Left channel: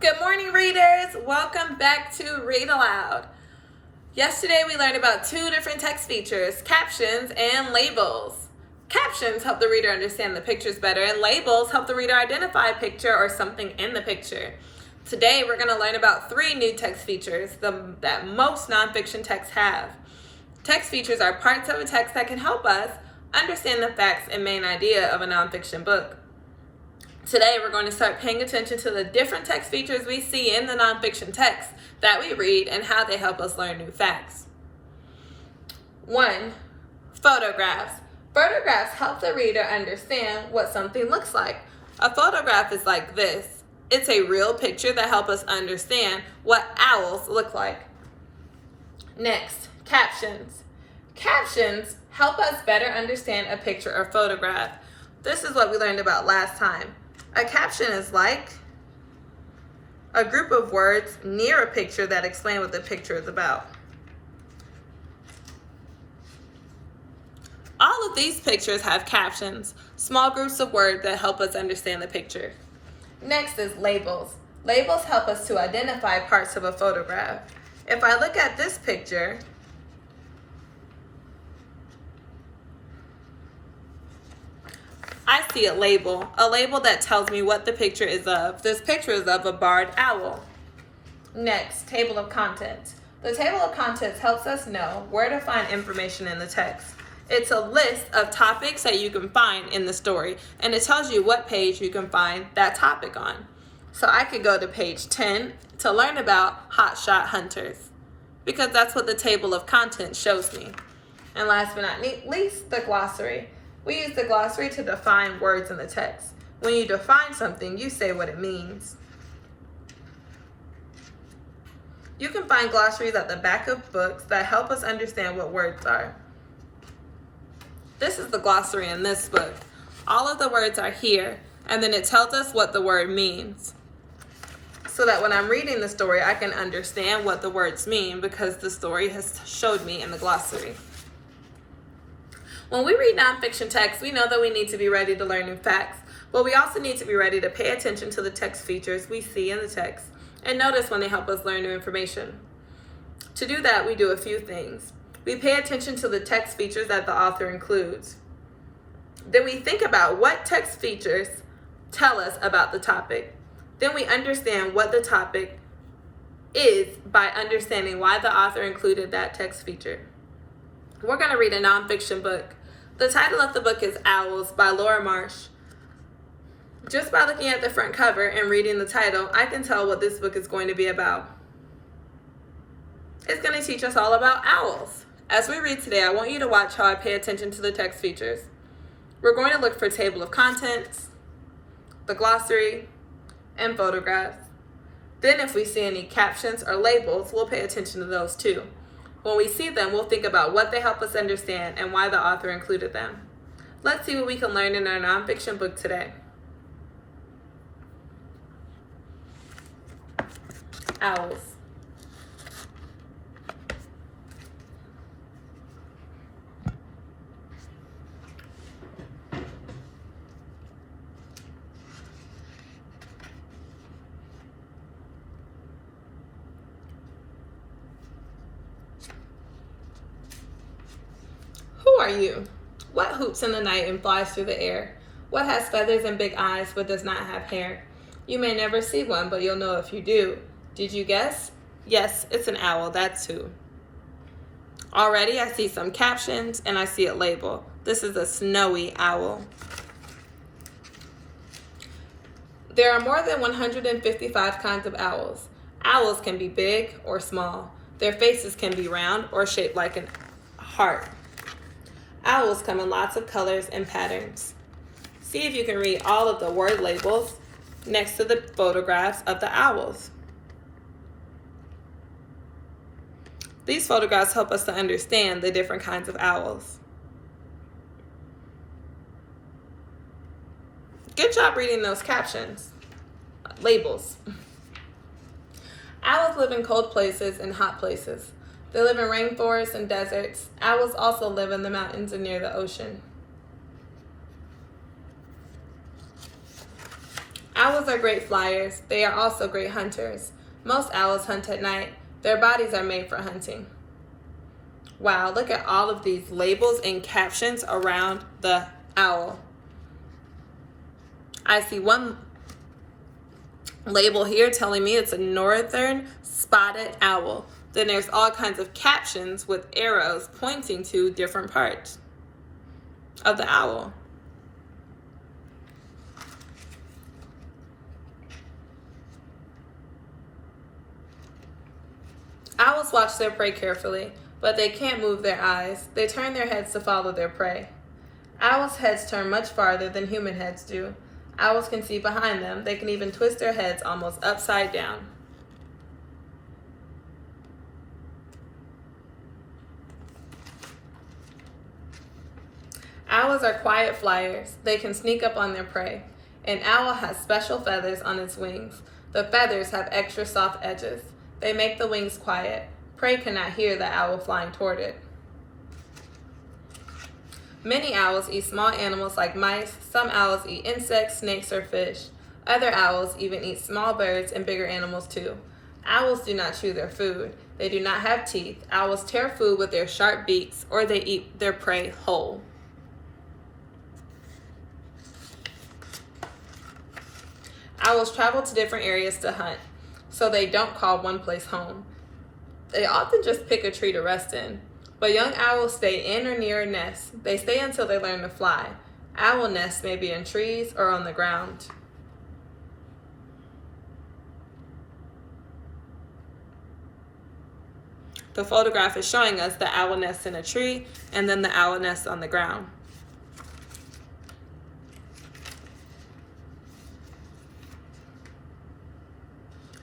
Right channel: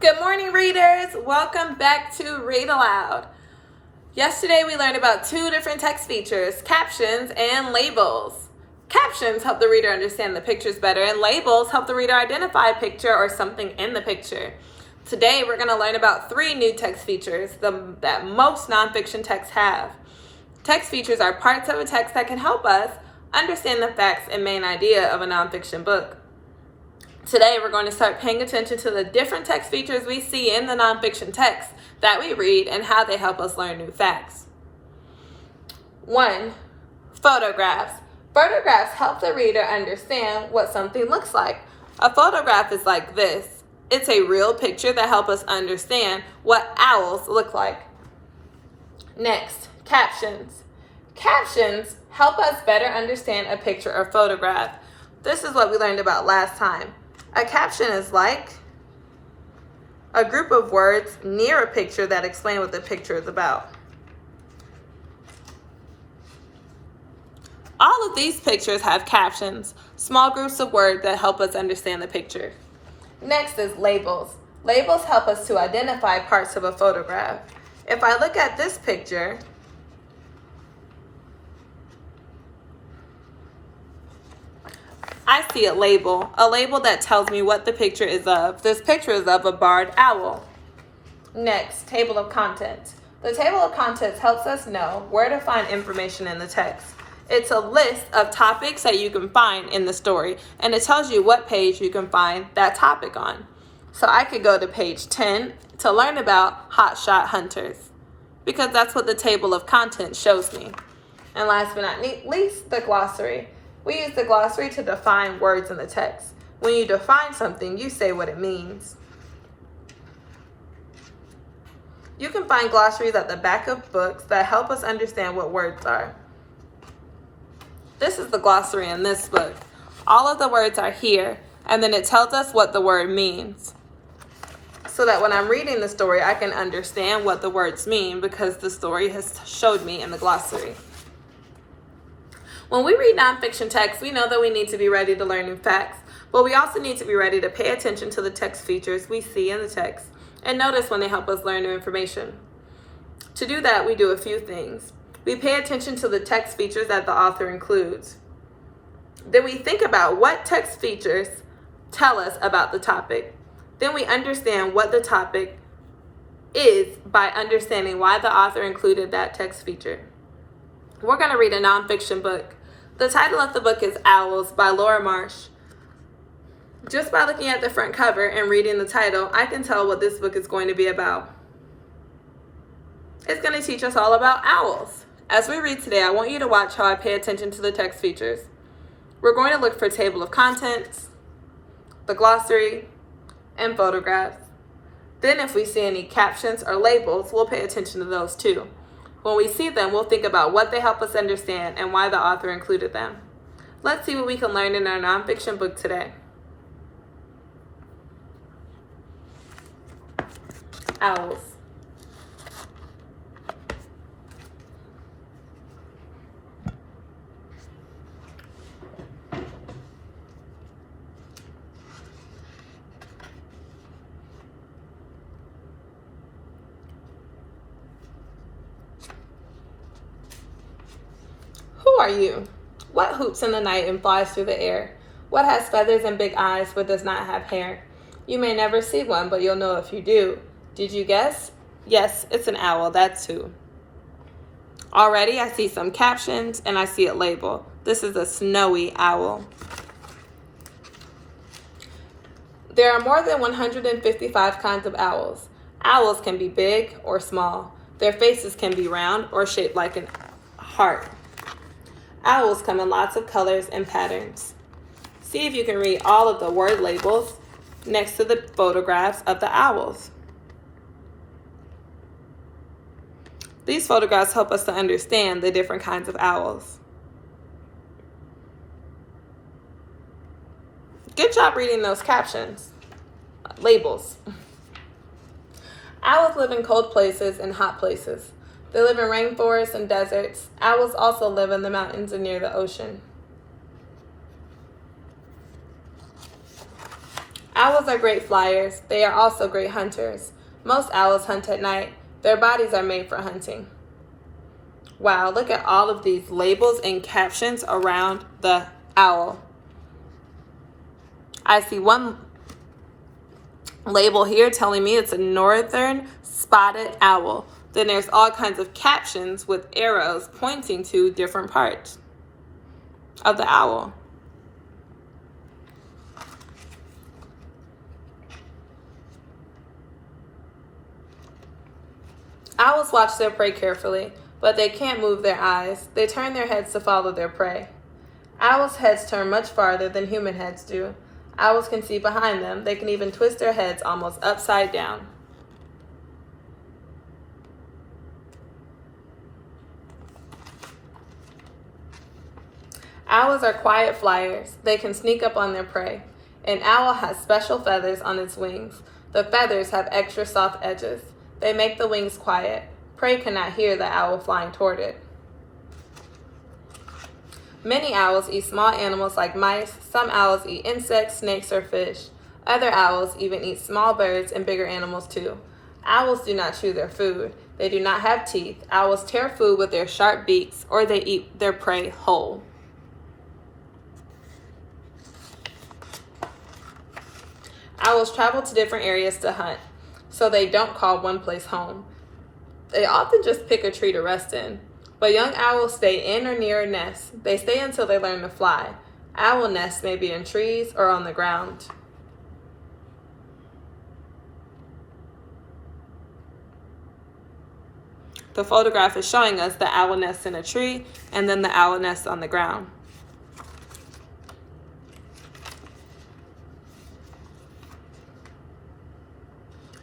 Good morning, readers. Welcome back to Read Aloud. Yesterday, we learned about two different text features, captions and labels. Captions help the reader understand the pictures better, and labels help the reader identify a picture or something in the picture. Today, we're going to learn about three new text features that most nonfiction texts have. Text features are parts of a text that can help us understand the facts and main idea of a nonfiction book. Today, we're going to start paying attention to the different text features we see in the nonfiction text that we read and how they help us learn new facts. 1. Photographs. Photographs help the reader understand what something looks like. A photograph is like this. It's a real picture that helps us understand what owls look like. Next, captions. Captions help us better understand a picture or photograph. This is what we learned about last time. A caption is like a group of words near a picture that explain what the picture is about. All of these pictures have captions, small groups of words that help us understand the picture. Next is labels. Labels help us to identify parts of a photograph. If I look at this picture, I see a label that tells me what the picture is of. This picture is of a barred owl. Next, table of contents. The table of contents helps us know where to find information in the text. It's a list of topics that you can find in the story, and it tells you what page you can find that topic on. So I could go to page 10 to learn about hotshot hunters, because that's what the table of contents shows me. And last but not least, the glossary. We use the glossary to define words in the text. When you define something, you say what it means. You can find glossaries at the back of books that help us understand what words are. This is the glossary in this book. All of the words are here, and then it tells us what the word means. So that when I'm reading the story, I can understand what the words mean because the story has showed me in the glossary. When we read nonfiction text, we know that we need to be ready to learn new facts, but we also need to be ready to pay attention to the text features we see in the text and notice when they help us learn new information. To do that, we do a few things. We pay attention to the text features that the author includes. Then we think about what text features tell us about the topic. Then we understand what the topic is by understanding why the author included that text feature. We're going to read a nonfiction book. The title of the book is Owls by Laura Marsh. Just by looking at the front cover and reading the title, I can tell what this book is going to be about. It's going to teach us all about owls. As we read today, I want you to watch how I pay attention to the text features. We're going to look for table of contents, the glossary, and photographs. Then if we see any captions or labels, we'll pay attention to those too. When we see them, we'll think about what they help us understand and why the author included them. Let's see what we can learn in our nonfiction book today. Owls. Who are you? What hoops in the night and flies through the air? What has feathers and big eyes but does not have hair? You may never see one, but you'll know if you do. Did you guess? Yes, it's an owl, that's who. Already I see some captions and I see a label. This is a snowy owl. There are more than 155 kinds of owls. Owls can be big or small. Their faces can be round or shaped like a heart. Owls come in lots of colors and patterns. See if you can read all of the word labels next to the photographs of the owls. These photographs help us to understand the different kinds of owls. Good job reading those captions, labels. Owls live in cold places and hot places. They live in rainforests and deserts. Owls also live in the mountains and near the ocean. Owls are great flyers. They are also great hunters. Most owls hunt at night. Their bodies are made for hunting. Wow, look at all of these labels and captions around the owl. I see one label here telling me it's a northern spotted owl. Then there's all kinds of captions with arrows pointing to different parts of the owl. Owls watch their prey carefully, but they can't move their eyes. They turn their heads to follow their prey. Owls' heads turn much farther than human heads do. Owls can see behind them. They can even twist their heads almost upside down. Owls are quiet flyers. They can sneak up on their prey. An owl has special feathers on its wings. The feathers have extra soft edges. They make the wings quiet. Prey cannot hear the owl flying toward it. Many owls eat small animals like mice. Some owls eat insects, snakes, or fish. Other owls even eat small birds and bigger animals too. Owls do not chew their food. They do not have teeth. Owls tear food with their sharp beaks, or they eat their prey whole. Owls travel to different areas to hunt, so they don't call one place home. They often just pick a tree to rest in. But young owls stay in or near a nest. They stay until they learn to fly. Owl nests may be in trees or on the ground. The photograph is showing us the owl nest in a tree and then the owl nest on the ground.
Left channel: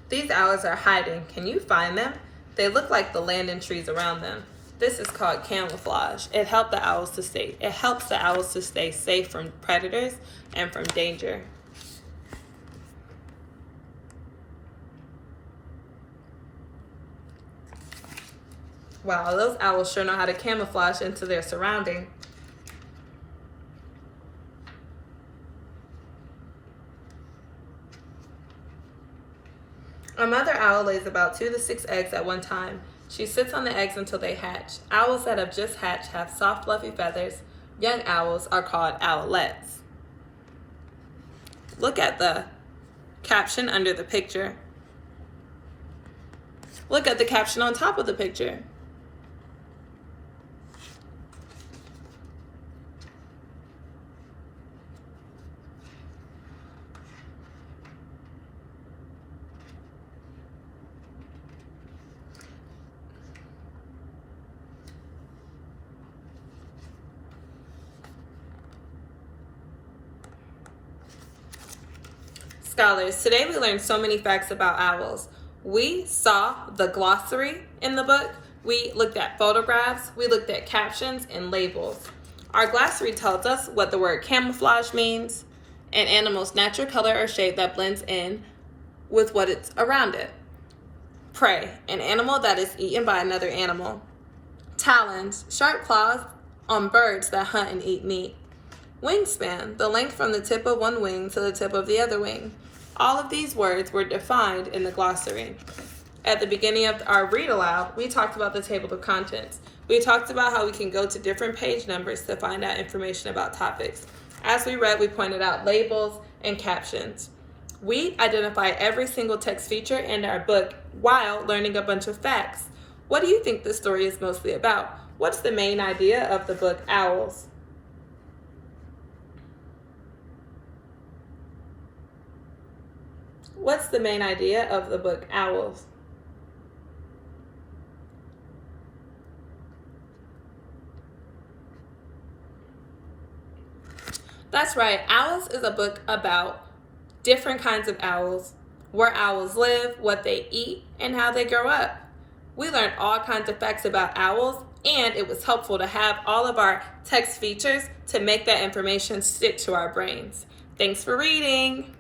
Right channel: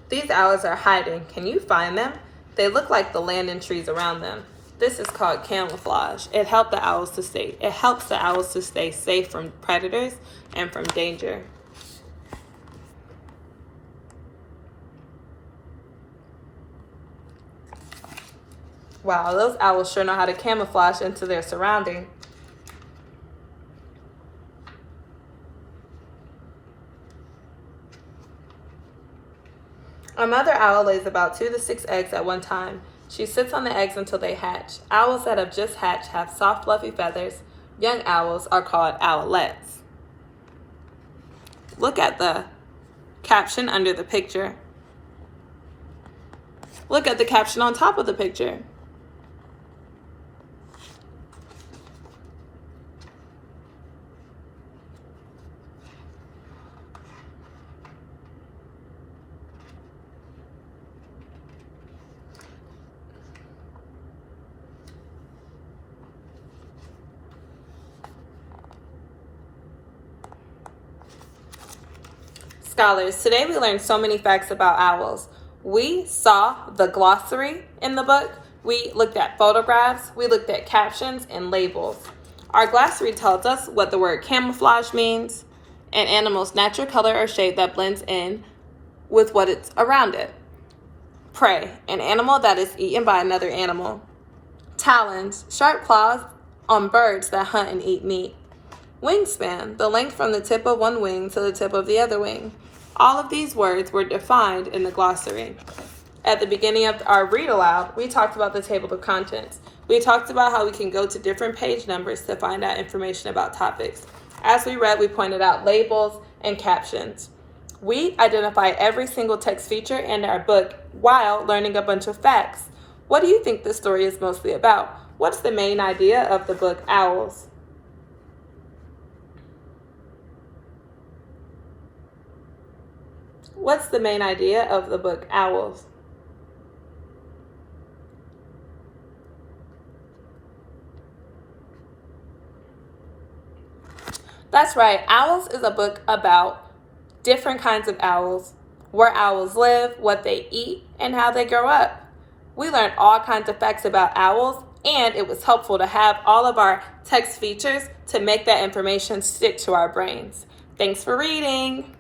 These owls are hiding. Can you find them? They look like the land and trees around them. This is called camouflage. It helps the owls to stay safe from predators and from danger. Wow, those owls sure know how to camouflage into their surrounding. A mother owl lays about 2 to 6 eggs at one time. She sits on the eggs until they hatch. Owls that have just hatched have soft, fluffy feathers. Young owls are called owlets. Look at the caption under the picture. Look at the caption on top of the picture. Scholars, today we learned so many facts about owls. We saw the glossary in the book. We looked at photographs. We looked at captions and labels. Our glossary tells us what the word camouflage means, an animal's natural color or shape that blends in with what it's around it. Prey, an animal that is eaten by another animal. Talons, sharp claws on birds that hunt and eat meat. Wingspan, the length from the tip of one wing to the tip of the other wing. All of these words were defined in the glossary. At the beginning of our read aloud, we talked about the table of contents. We talked about how we can go to different page numbers to find out information about topics. As we read, we pointed out labels and captions. We identify every single text feature in our book while learning a bunch of facts. What do you think this story is mostly about? What's the main idea of the book Owls? What's the main idea of the book Owls? That's right. Owls is a book about different kinds of owls, where owls live, what they eat, and how they grow up. We learned all kinds of facts about owls, and it was helpful to have all of our text features to make that information stick to our brains. Thanks for reading.